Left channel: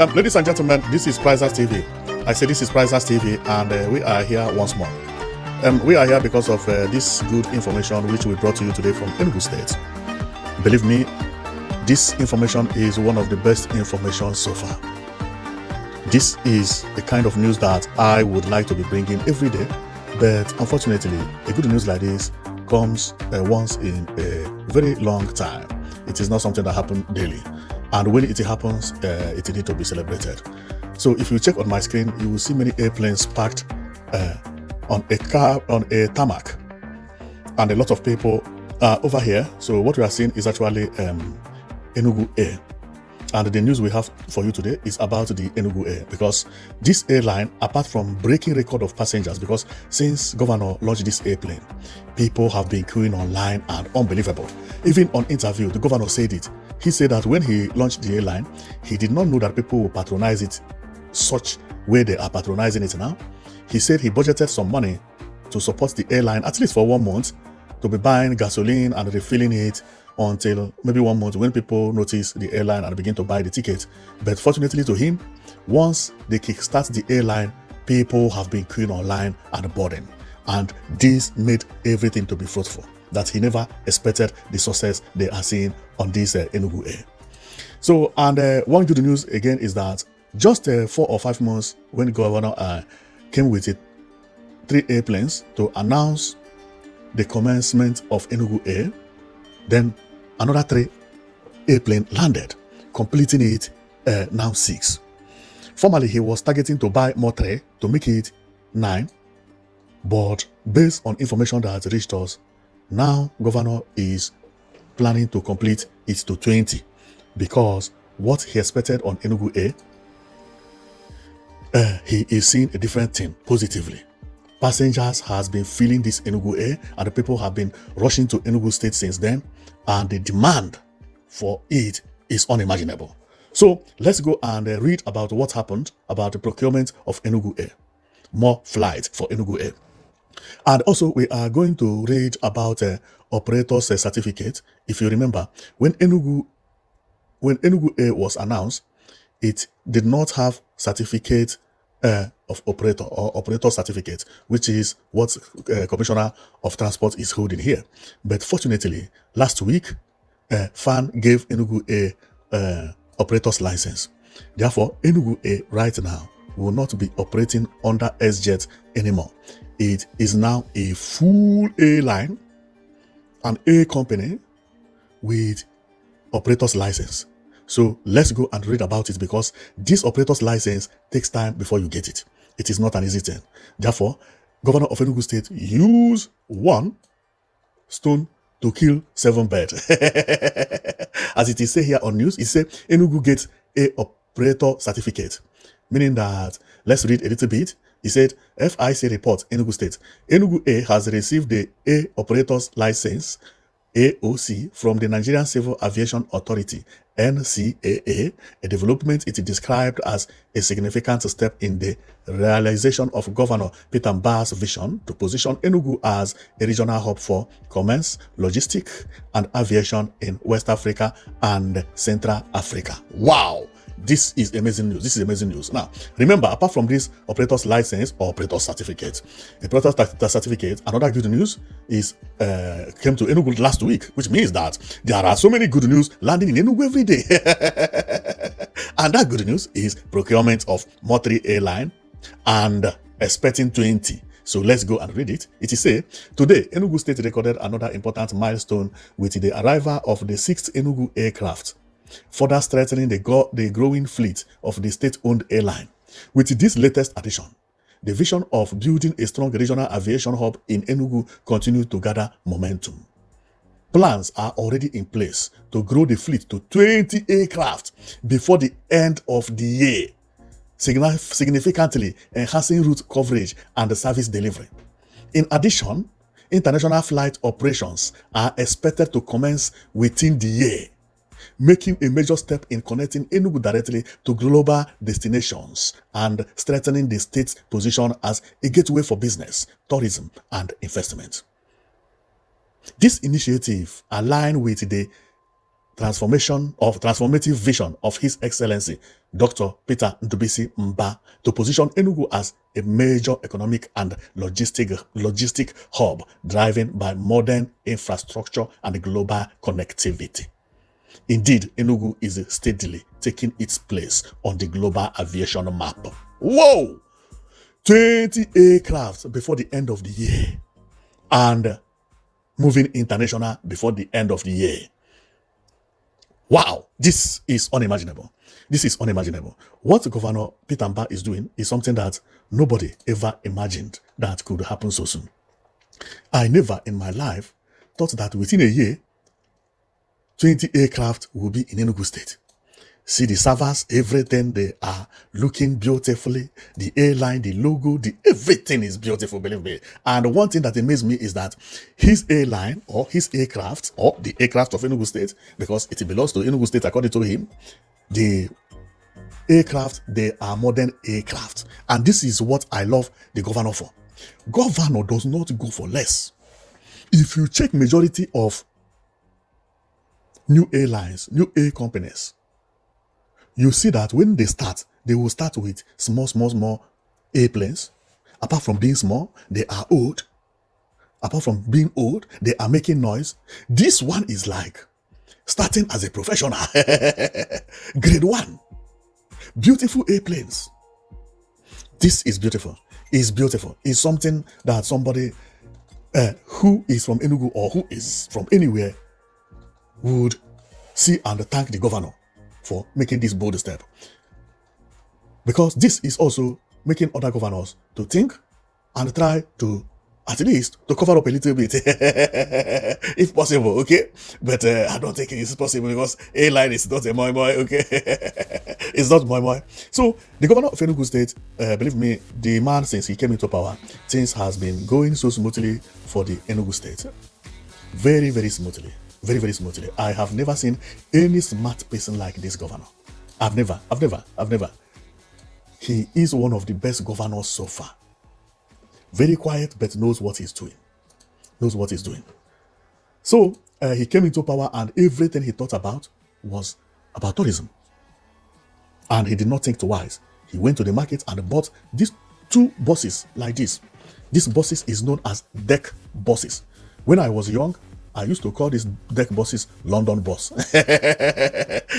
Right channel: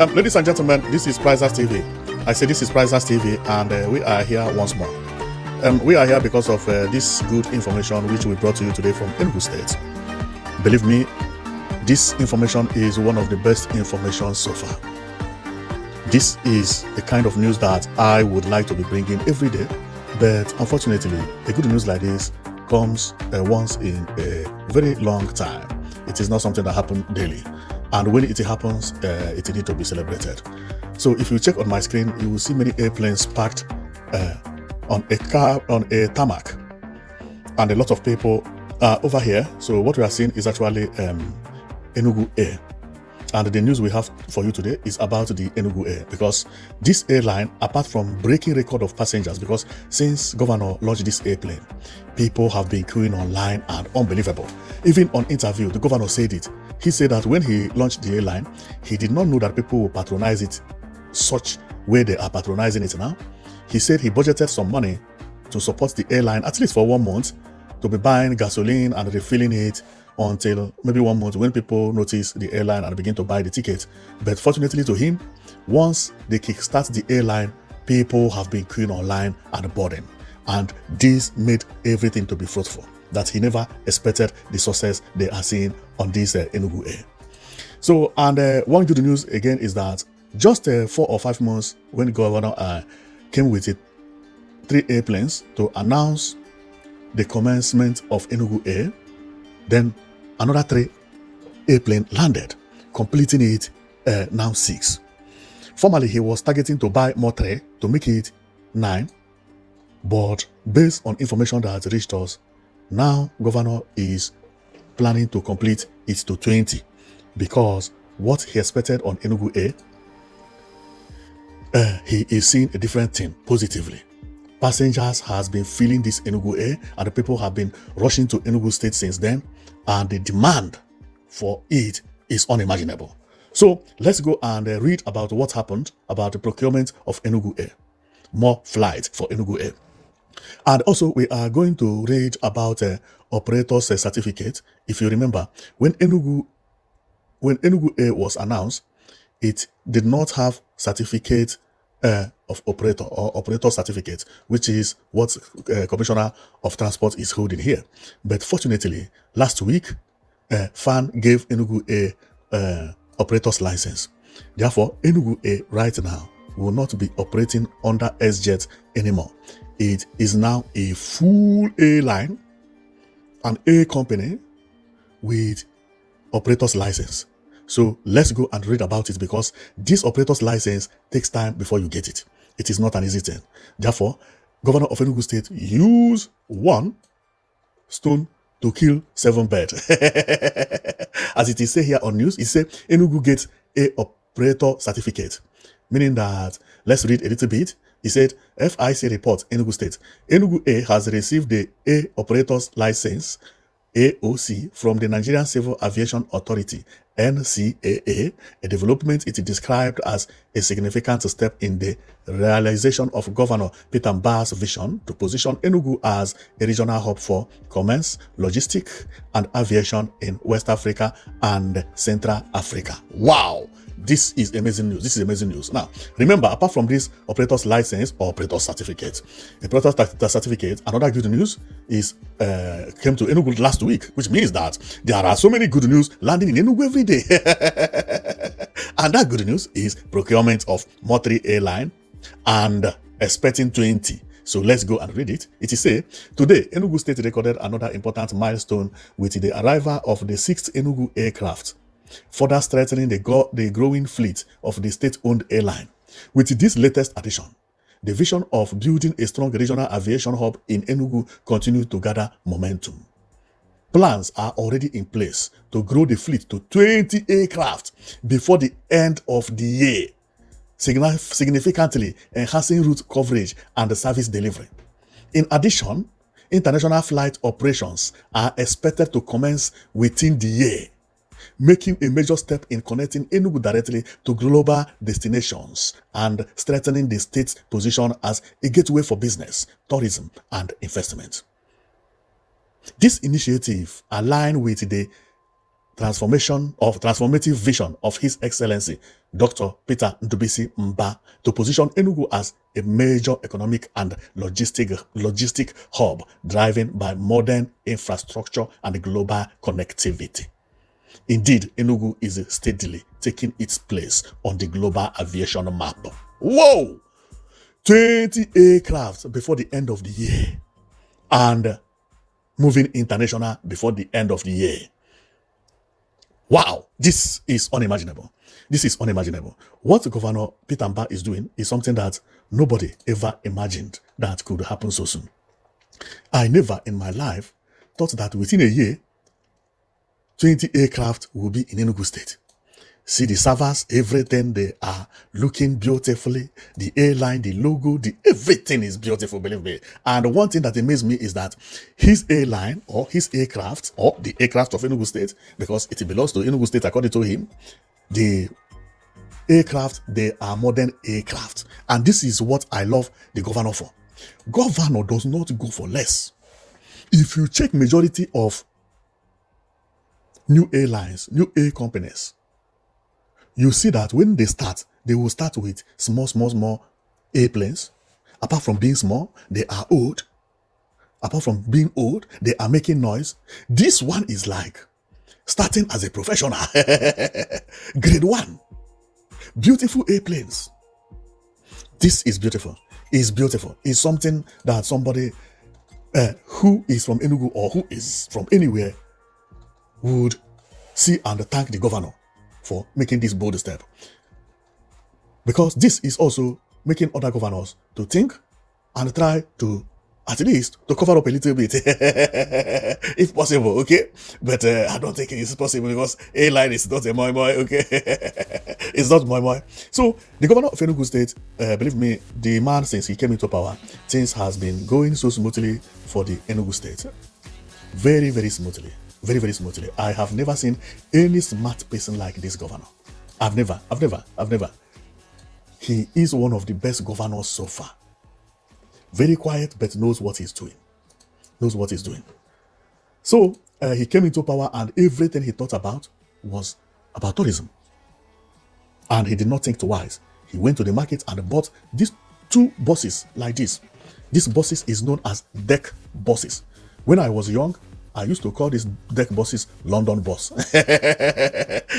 Ladies and gentlemen, this is Prizers TV. I say this is Prizers TV, and we are here once more. And we are here because of this good information which we brought to you today from Enugu State. Believe me, this information is one of the best information so far. This is the kind of news that I would like to be bringing every day, but unfortunately, a good news like this comes once in a very long time. It is not something that happens daily. And when it happens, it needs to be celebrated. So if you check on my screen, you will see many airplanes parked on a tarmac, and a lot of people are over here. So what we are seeing is actually Enugu Air. And the news we have for you today is about the Enugu Air, because this airline, apart from breaking record of passengers, because since governor launched this airplane, people have been queuing online and unbelievable. Even on interview, the governor said it. He said that when he launched the airline, he did not know that people would patronize it such way they are patronizing it now. He said he budgeted some money to support the airline, at least for 1 month, to be buying gasoline and refilling it until maybe 1 month when people notice the airline and begin to buy the tickets. But fortunately to him, once they kickstart the airline, people have been queuing online and boarding. And this made everything to be fruitful, that he never expected the success they are seeing on this Enugu Air. So, and one good news again is that just 4 or 5 months when Governor came with it, 3 airplanes to announce the commencement of Enugu Air, then another 3 airplanes landed, completing it now 6. Formerly, he was targeting to buy more 3 to make it 9, but based on information that reached us, now governor is planning to complete it to 20, because what he expected on Enugu Air, he is seeing a different thing positively. Passengers has been feeling this Enugu Air, and the people have been rushing to Enugu State since then, and the demand for it is unimaginable. So let's go and read about what happened about the procurement of Enugu Air. More flights for Enugu Air. And also, we are going to read about operator's certificate. If you remember, when Enugu Air was announced, it did not have certificate of operator or operator certificate, which is what Commissioner of Transport is holding here. But fortunately, last week, FAN gave Enugu Air operator's license. Therefore, Enugu Air right now will not be operating under SJet anymore. It is now a full airline, an air company with operator's license. So let's go and read about it, because this operator's license takes time before you get it. It is not an easy thing. Therefore, Governor of Enugu State used 1 stone to kill 7 birds. As it is said here on news, it said Enugu gets a operator certificate, meaning that, let's read a little bit. He said, FIC report, Enugu State. Enugu A has received the A operator's license, AOC, from the Nigerian Civil Aviation Authority, NCAA, a development it is described as a significant step in the realization of Governor Peter Mbah's vision to position Enugu as a regional hub for commerce, logistics, and aviation in West Africa and Central Africa. Wow! This is amazing news. This is amazing news. Now, remember, apart from this operator's license or operator certificate, another good news is came to Enugu last week, which means that there are so many good news landing in Enugu every day. And that good news is procurement of Motri airline and expecting 20. So let's go and read it. It is say, today, Enugu State recorded another important milestone with the arrival of the 6th Enugu aircraft, further strengthening the growing fleet of the state-owned airline. With this latest addition, the vision of building a strong regional aviation hub in Enugu continues to gather momentum. Plans are already in place to grow the fleet to 20 aircraft before the end of the year, significantly enhancing route coverage and service delivery. In addition, international flight operations are expected to commence within the year, making a major step in connecting Enugu directly to global destinations and strengthening the state's position as a gateway for business, tourism, and investment. This initiative aligns with the transformative vision of His Excellency, Dr. Peter Ndubisi Mbah to position Enugu as a major economic and logistic hub driven by modern infrastructure and global connectivity. Indeed, Enugu is steadily taking its place on the global aviation map. Whoa! 20 aircraft before the end of the year and moving international before the end of the year. Wow, this is unimaginable. This is unimaginable. What Governor Peter Mbah is doing is something that nobody ever imagined that could happen so soon. I never in my life thought that within a year, 20 aircraft will be in Enugu State. See the servers, everything, they are looking beautifully. The airline, the logo, everything is beautiful, believe me. And one thing that amazed me is that his airline or his aircraft or the aircraft of Enugu State, because it belongs to Enugu State according to him, the aircraft, they are modern aircraft. And this is what I love the governor for. Governor does not go for less. If you check majority of new airlines, new air companies, you see that when they start, they will start with small airplanes. Apart from being small, they are old. Apart from being old, they are making noise. This one is like starting as a professional. Grade 1. Beautiful airplanes. This is beautiful. It's beautiful. It's something that somebody who is from Enugu or who is from anywhere would see and thank the governor for making this bold step. Because this is also making other governors to think and try to, at least, to cover up a little bit. If possible, okay? But I don't think it's possible because airline is not a moi, okay? It's not moi. So, the governor of Enugu State, believe me, the man, since he came into power, things has been going so smoothly for the Enugu State. Very, very smoothly. Very, very smoothly. I have never seen any smart person like this governor. I've never. He is one of the best governors so far. Very quiet, but knows what he's doing. So, he came into power and everything he thought about was about tourism. And he did not think twice. He went to the market and bought these 2 buses like this. These buses is known as deck buses. When I was young, I used to call these deck buses London bus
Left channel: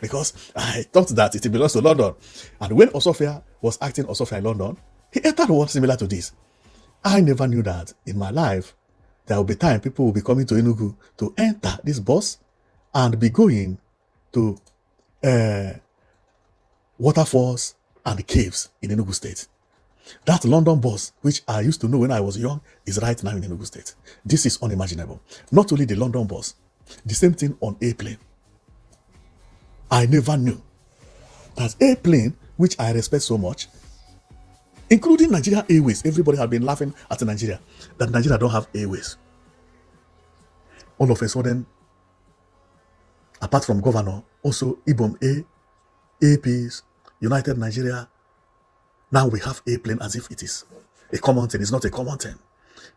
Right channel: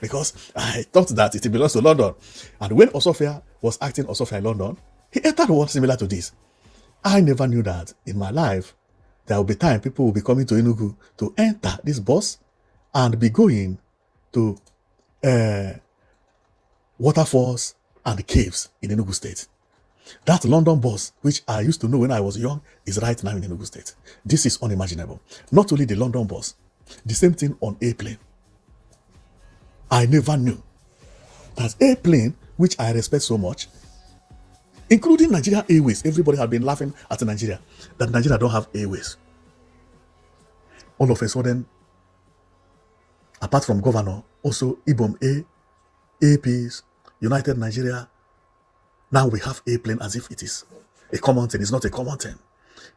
because I thought that it belongs to London. And when Osofia was acting Osofia in London, he entered one similar to this. I never knew that in my life there will be time people will be coming to Enugu to enter this bus and be going to waterfalls and caves in Enugu State. That London bus, which I used to know when I was young, is right now in Enugu State. This is unimaginable. Not only the London bus, the same thing on airplane. I never knew that airplane, which I respect so much, including Nigeria Airways. Everybody have been laughing at Nigeria, that Nigeria don't have airways. All of a sudden, apart from governor, also IBOM APs, United Nigeria, now we have airplane as if it is a common thing. It's not a common thing.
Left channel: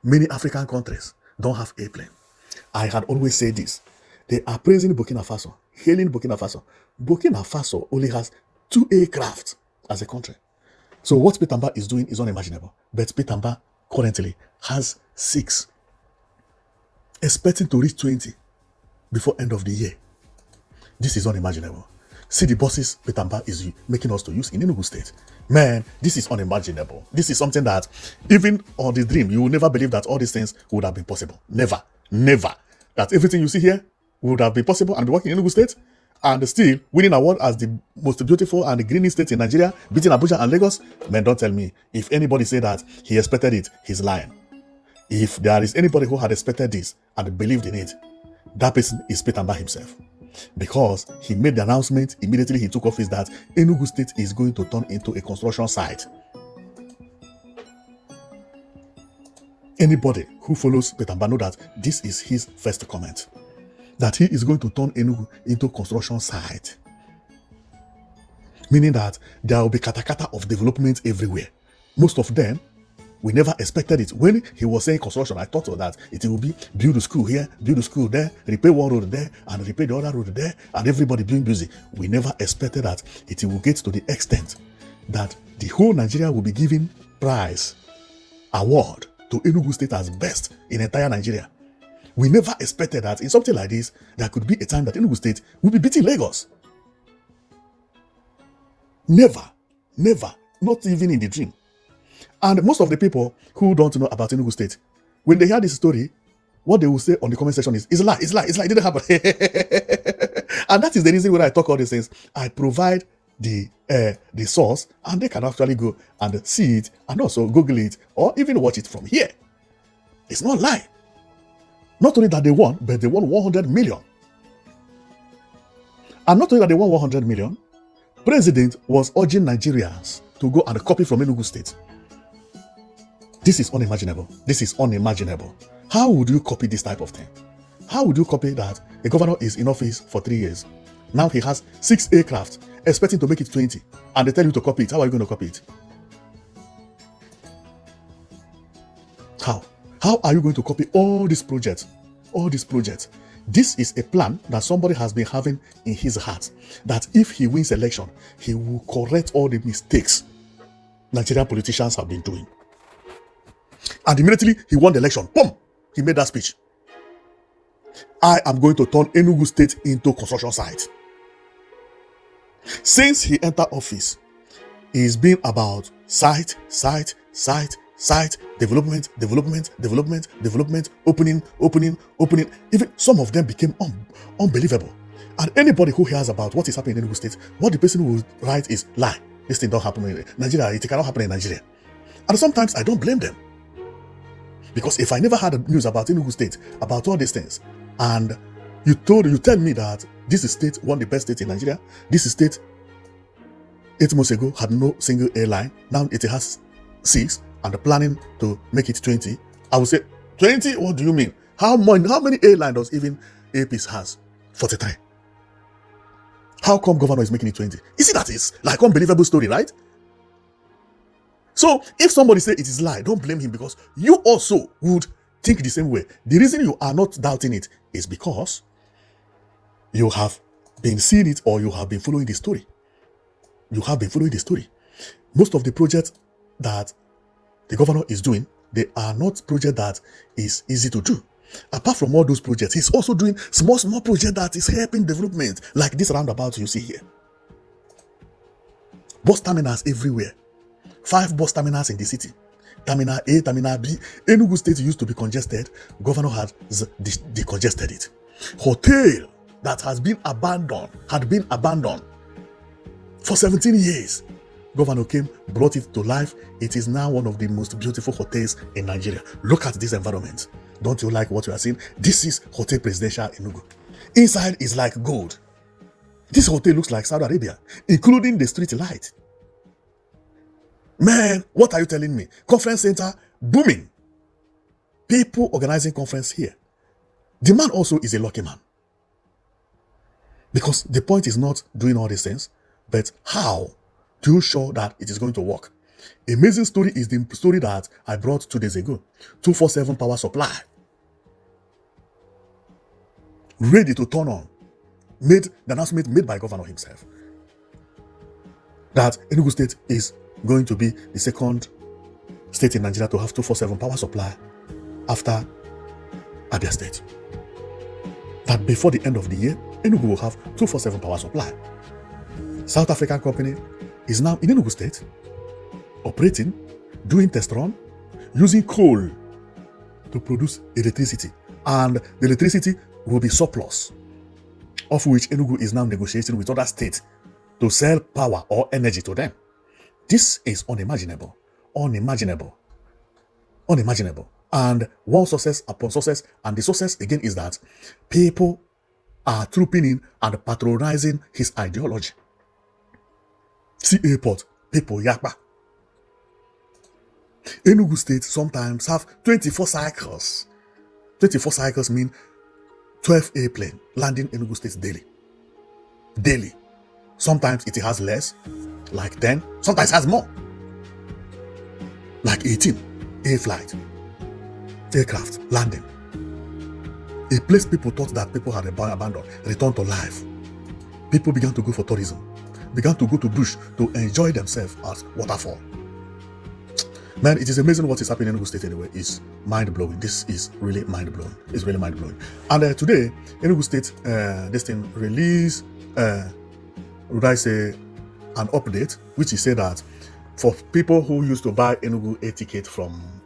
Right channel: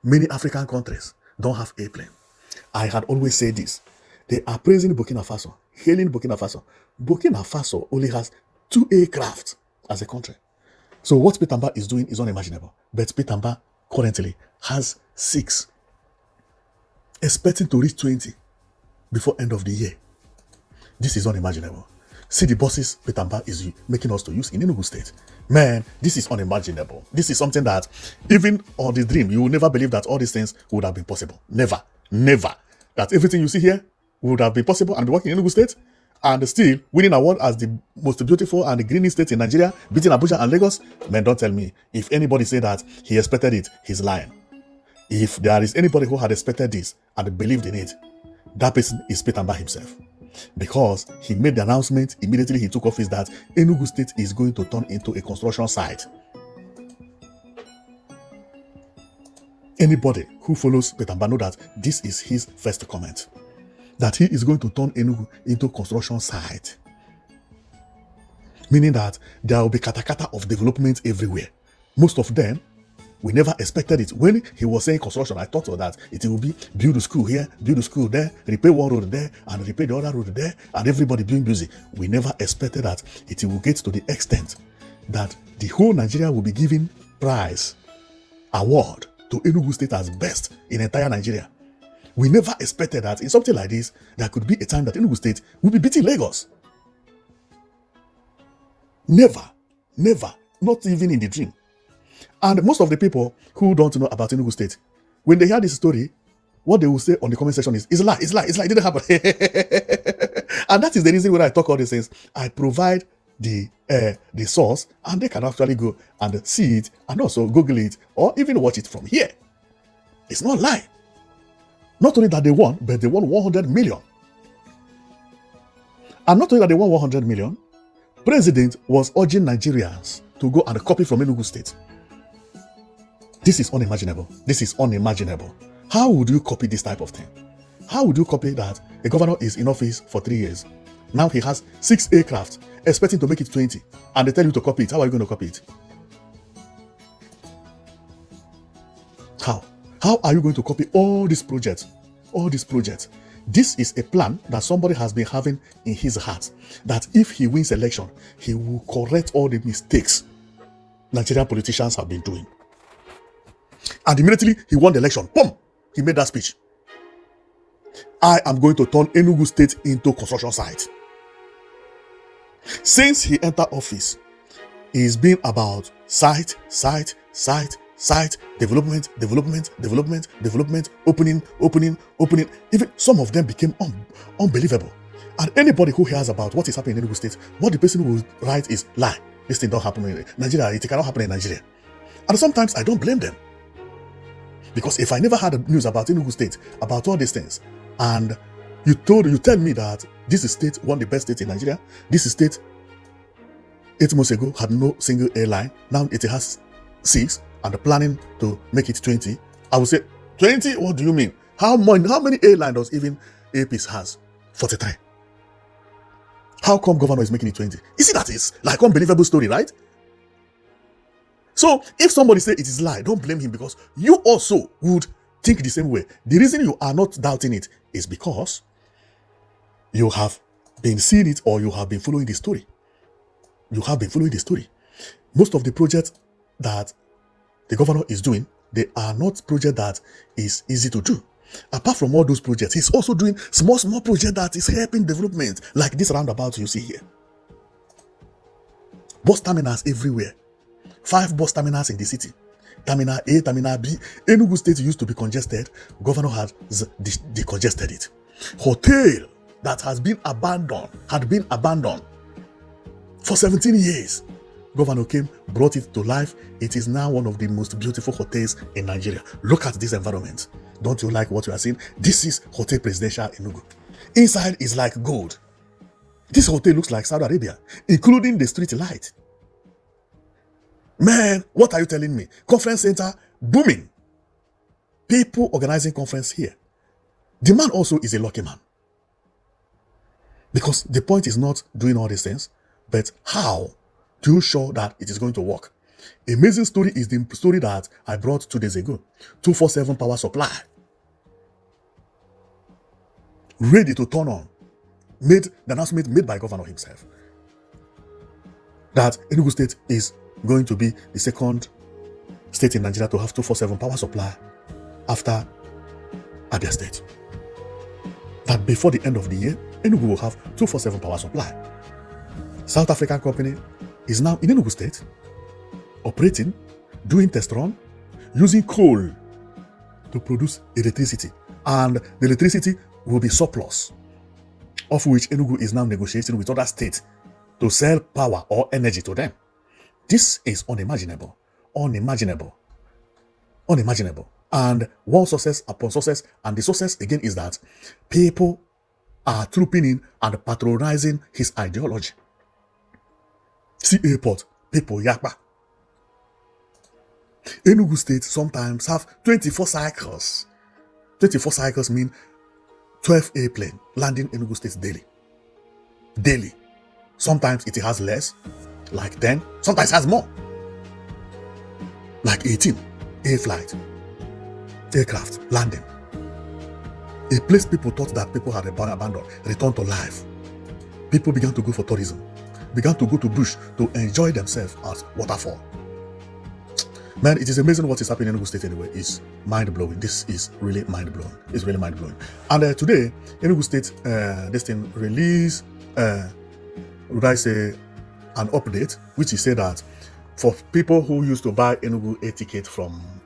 Many African countries don't have airplane. I had always said this. They are praising Burkina Faso, hailing Burkina Faso. Burkina Faso only has 2 aircraft as a country. So what Peter Mbah is doing is unimaginable. But Peter Mbah currently has 6, expecting to reach 20 before end of the year. This is unimaginable. See the buses Peter Mbah is making us to use in Enugu State. Man, this is unimaginable. This is something that even on the dream, you will never believe that all these things would have been possible. Never. That everything you see here would have been possible and be working in Enugu State and still winning award as the most beautiful and greenest state in Nigeria, beating Abuja and Lagos. Man, don't tell me. If anybody say that he expected it, he's lying. If there is anybody who had expected this and believed in it, that person is Peter Mbah himself. Because he made the announcement immediately he took office that Enugu State is going to turn into a construction site. Anybody who follows Peter Mbah know that this is his first comment. That he is going to turn Enugu into a construction site. Meaning that there will be katakata of development everywhere. Most of them We never expected it. When he was saying construction, I thought that it will be build a school here, build a school there, repair one road there, and repair the other road there, and everybody being busy. We never expected that it will get to the extent that the whole Nigeria will be giving prize, award to Enugu State as best in entire Nigeria. We never expected that in something like this, there could be a time that Enugu State will be beating Lagos. Never, not even in the dream. And most of the people who don't know about Enugu State, when they hear this story, what they will say on the comment section is, it's a lie, it didn't happen. And that is the reason when I talk all these things, I provide the source, and they can actually go and see it, and also Google it, or even watch it from here. It's not a lie. Not only that they won, but they won 100 million. And not only that they won 100 million, the president was urging Nigerians to go and copy from Enugu State. This is unimaginable. How would you copy this type of thing? How would you copy that the governor is in office for 3 years? Now he has 6 aircraft, expecting to make it 20, and they tell you to copy it. How are you going to copy it? How are you going to copy all these projects? This is a plan that somebody has been having in his heart, that if he wins election, he will correct all the mistakes Nigerian politicians have been doing. And immediately he won the election, boom, he made that speech. I am going to turn Enugu State into construction site. Since he entered office, it's been about site, development, opening. Even some of them became unbelievable. And anybody who hears about what is happening in Enugu State, what the person will write is lie. This thing don't happen in Nigeria. It cannot happen in Nigeria. And sometimes I don't blame them. Because if I never had news about Enugu State, about all these things, and you tell me that this state won the best state in Nigeria, this state 8 months ago had no single airline, now it has 6, and planning to make it 20, I would say, 20? What do you mean? How many airlines does even APs has? 49. How come governor is making it 20? You see, that is like unbelievable story, right? So if somebody say it is a lie, don't blame him, because you also would think the same way. The reason you are not doubting it is because you have been seeing it, or you have been following the story. Most of the projects that the governor is doing, they are not projects that is easy to do. Apart from all those projects, he's also doing small projects that is helping development, like this roundabout you see here. Bus terminals everywhere. 5 bus terminals in the city. Terminal A, Terminal B. Enugu State used to be congested. Governor had decongested it. Hotel that had been abandoned for 17 years. Governor came, brought it to life. It is now one of the most beautiful hotels in Nigeria. Look at this environment. Don't you like what you are seeing? This is Hotel Presidential Enugu. Inside is like gold. This hotel looks like Saudi Arabia, including the street light. Man, what are you telling me? Conference center booming. People organizing conference here. The man also is a lucky man. Because the point is not doing all these things, but how to show that it is going to work. Amazing story is the story that I brought 2 days ago. 247 power supply. Ready to turn on. The announcement made by governor himself. That Enugu State is going to be the second state in Nigeria to have 247 power supply after Abia State. That before the end of the year, Enugu will have 247 power supply. South African company is now in Enugu State, operating, doing test run, using coal to produce electricity. And the electricity will be surplus, of which Enugu is now negotiating with other states to sell power or energy to them. This is unimaginable. And one success upon success, and the success again is that people are trooping in and patronizing his ideology. See airport, people yakpa. Enugu State sometimes have 24 cycles. 24 cycles mean 12 airplanes landing Enugu State daily. Sometimes it has less, like 10. Sometimes it has more, like 18. air flight, aircraft landing. A place people thought that people had abandoned returned to life. People began to go for tourism, began to go to bush to enjoy themselves as water fun. Man, it is amazing what is happening in Enugu State anyway. It's mind-blowing. This is really mind-blowing. It's really mind-blowing. And today, Enugu State, this thing released, would I say, an update, which is said that for people who used to buy Enugu Air ticket from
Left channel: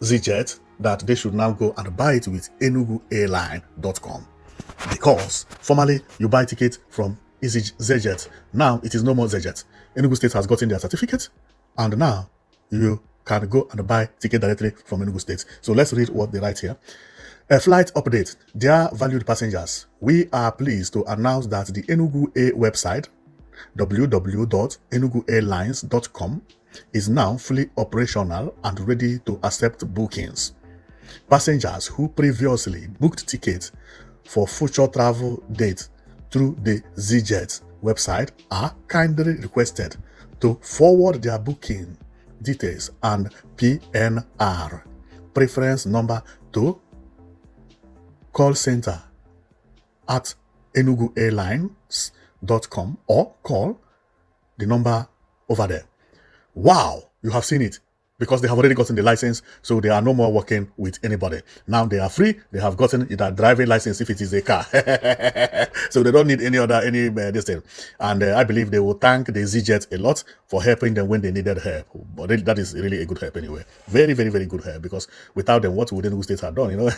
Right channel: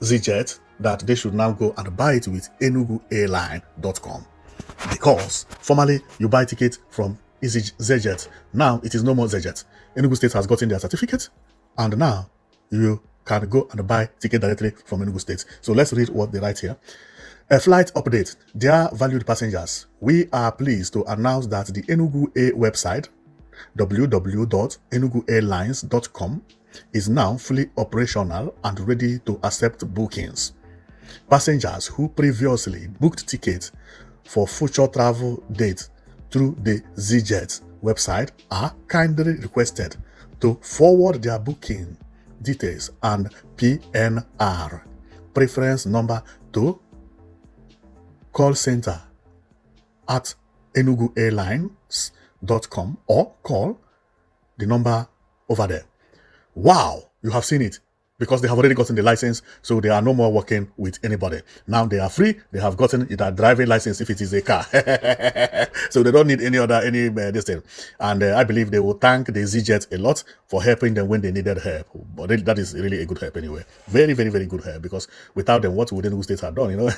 ZJet, that they should now go and buy it with EnuguAirline.com. Because formerly you buy ticket from ZJet. Now it is no more ZJet. Enugu State has gotten their certificate, and now you can go and buy ticket directly from Enugu State. So let's read what they write here. A flight update. Dear valued passengers, we are pleased to announce that the Enugu Air website, www.enuguairlines.com, is now fully operational and ready to accept bookings. Passengers who previously booked tickets for future travel dates through the ZJet website are kindly requested to forward their booking details and PNR preference number to call center at enuguairlines.com or call the number over there. Wow, you have seen it. Because they have already gotten the license, so they are no more working with anybody. Now they are free. They have gotten that driving license if it is a car. So they don't need this thing. And I believe they will thank the ZJet a lot for helping them when they needed help. But that is really a good help anyway. Very, very, very good help. Because without them, what would Enugu State have done?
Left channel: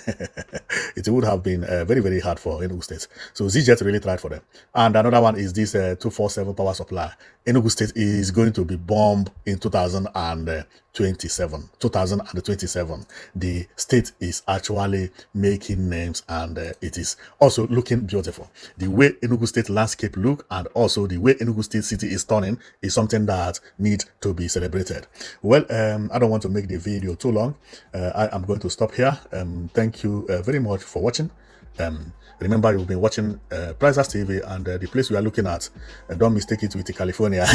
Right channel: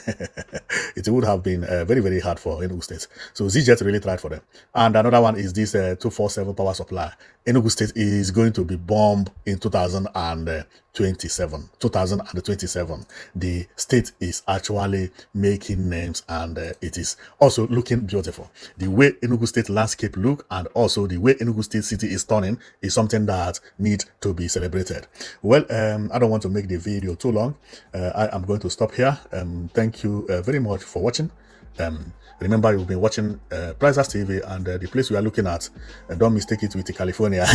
It would have been very, very hard for Enugu State. So ZJet really tried for them. And another one is this 247 power supply. Enugu State is going to be bombed in 2027. The state is actually making names, and it is also looking beautiful. The way Enugu State landscape look, and also the way Enugu State city is turning, is something that need to be celebrated. Well, I don't want to make the video too long. I am going to stop here. Thank you very much for watching. Remember, you'll be watching Prizes TV, and the place we are looking at, don't mistake it with California.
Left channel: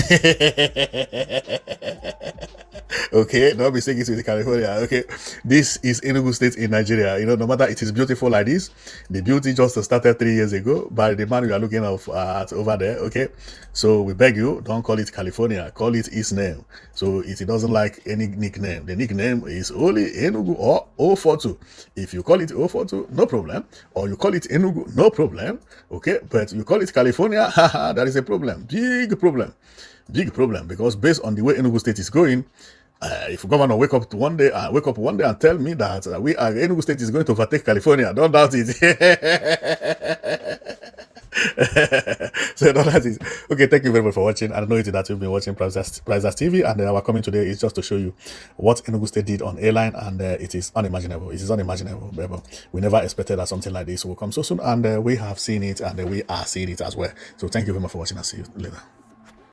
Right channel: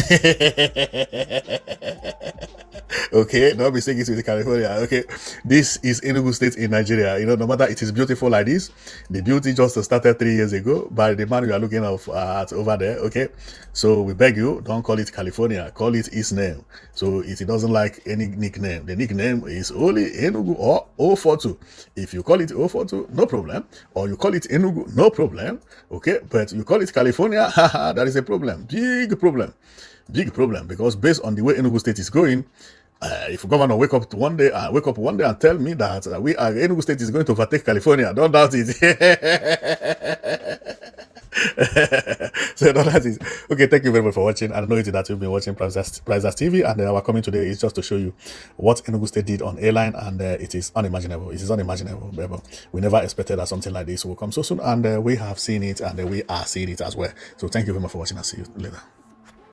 Okay, don't mistake it with California. Okay, this is Enugu State in Nigeria. No matter it is beautiful like this, the beauty just started 3 years ago by the man we are looking at over there. Okay, so we beg you, don't call it California, call it its name. So if it doesn't like any nickname, the nickname is only Enugu 042. If you call it 042, no problem, or you call it Enugu, no problem. Okay, but you call it California, that is a problem, big problem, because based on the way Enugu State is going, if governor wake up one day and tell me that Enugu State is going to overtake California, don't doubt it. So don't doubt it. Okay, thank you very much for watching. I know that you've been watching Prizes TV, and our coming today is just to show you what Enugu State did on airline, and it is unimaginable. It is unimaginable. We never expected that something like this will come so soon, and we have seen it, and we are seeing it as well. So thank you very much for watching. I'll see you later.